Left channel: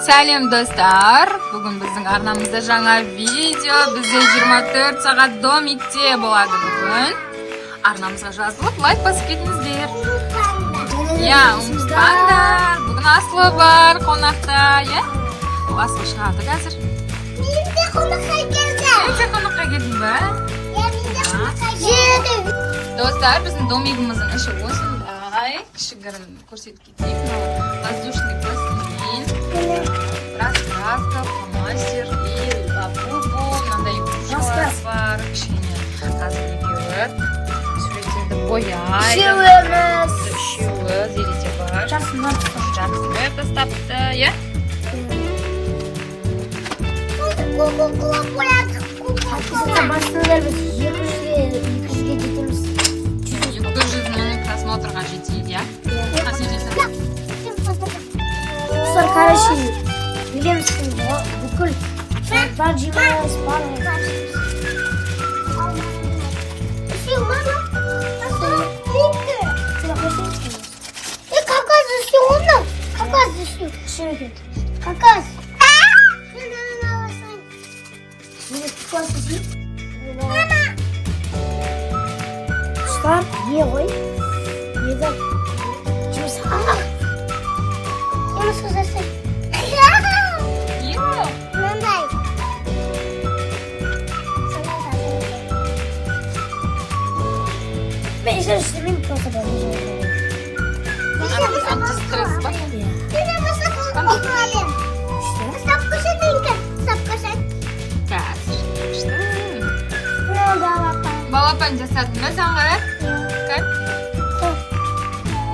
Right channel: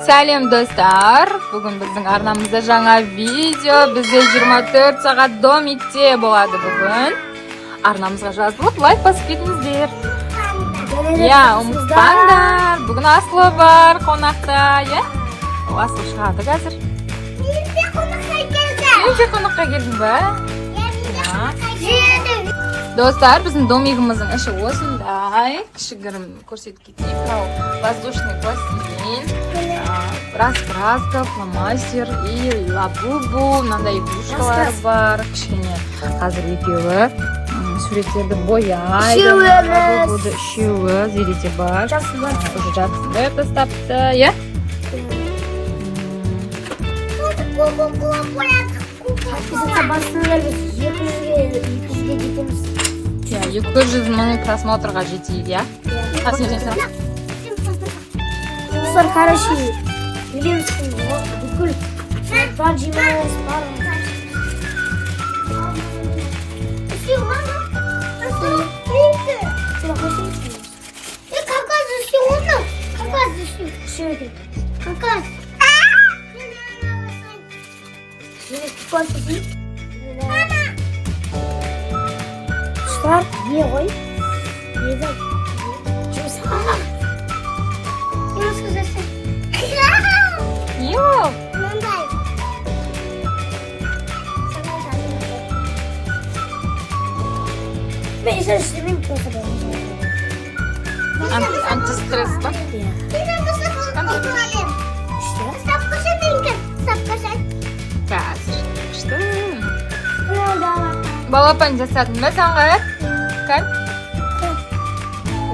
Сәлем достар, бүгін біздің арнамызда жаңа видео, бізде 24 сағат домикте болады бүгін. Арнамызға жазылып, лайк басып кетіңіздер. Ұмытпаңдар, бүгін Аслы бар қонақта, Аслы шығады қазір. Мен де қонаққа келдің ба? Достар, біздің домигіміздің іші осындай. Кішігірім көрсетіп кетейік. Воздушный бассейн, раскраска, фломастер и лабубу, мынандай игрушкалар бар. Кішкене қазір екеуі суреттерді бояйды. Үшеуі зерете бар. Жақсы тастапты, иә? Басында біз 200-ге жетеміз. 200 мың просмотрға жетейік, иә? Достар, короче, білемізсің, бүкіл бар жемайыз, бар. Какая засиона? Какая засиона? Какая? Dostlar, ye koy. Yedim. Şimdi sana. Yunus kızarsa. Yok. Nandayım. Ben işe üstümün просто bakacağım. Антистресс ба? Балапан жасадың ба саңғарат? Как?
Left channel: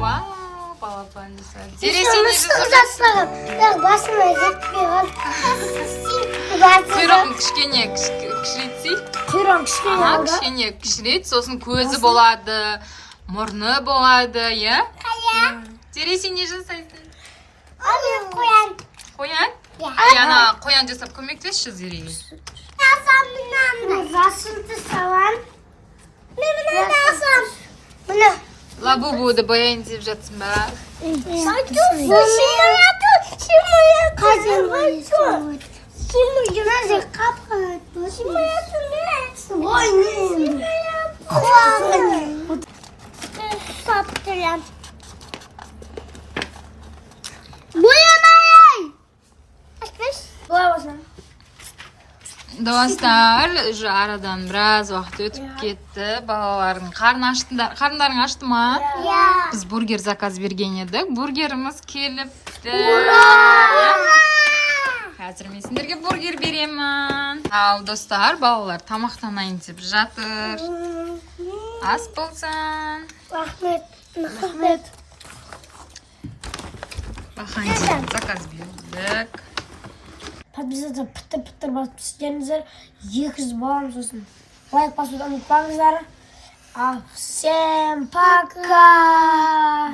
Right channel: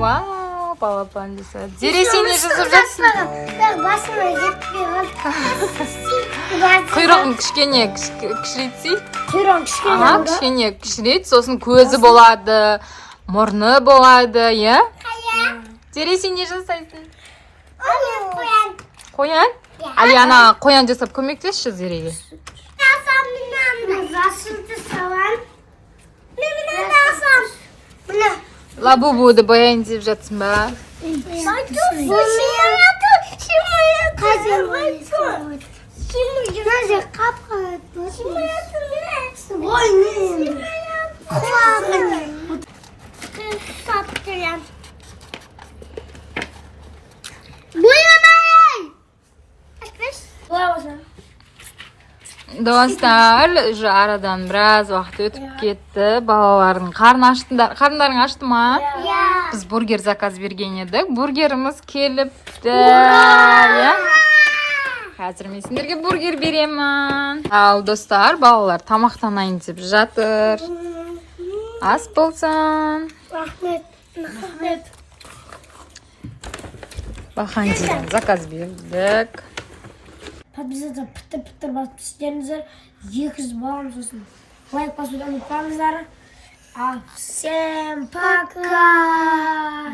Вау, балапан жасады. Зере, сен не жасап жатсың? Басыма жетпей қалды. Құйрығын кішкене кішірейтсей. Құйрығын кішкене алды. Кішкене кішірейт, сосын көзі болады, мұрны болады, иә? Зере, сен не жасайсың? Қоян. Қоян? Аяна, қоян жасап көмектесші Зереге. Засуды салам. Мен асам. Мына. Лабубуды бояйын деп жатсың ба? Достар, уже арадан біраз уақыт өтіп кетті. Балалардың қарындарың ашты ма? Біз бургер заказ берген едік. Бургеріміз келіпті. Қазір мен сендерге бургер беремін. Ал достар, балалар тамақтанайын деп жатыр. Ас болсын. Рахмет. Бахандиден заказ бердік. Подписаться, пітір басып істеріңіздер. 200 балам сосын. Лайк басуды ұмытпаңыздар. Всем пока!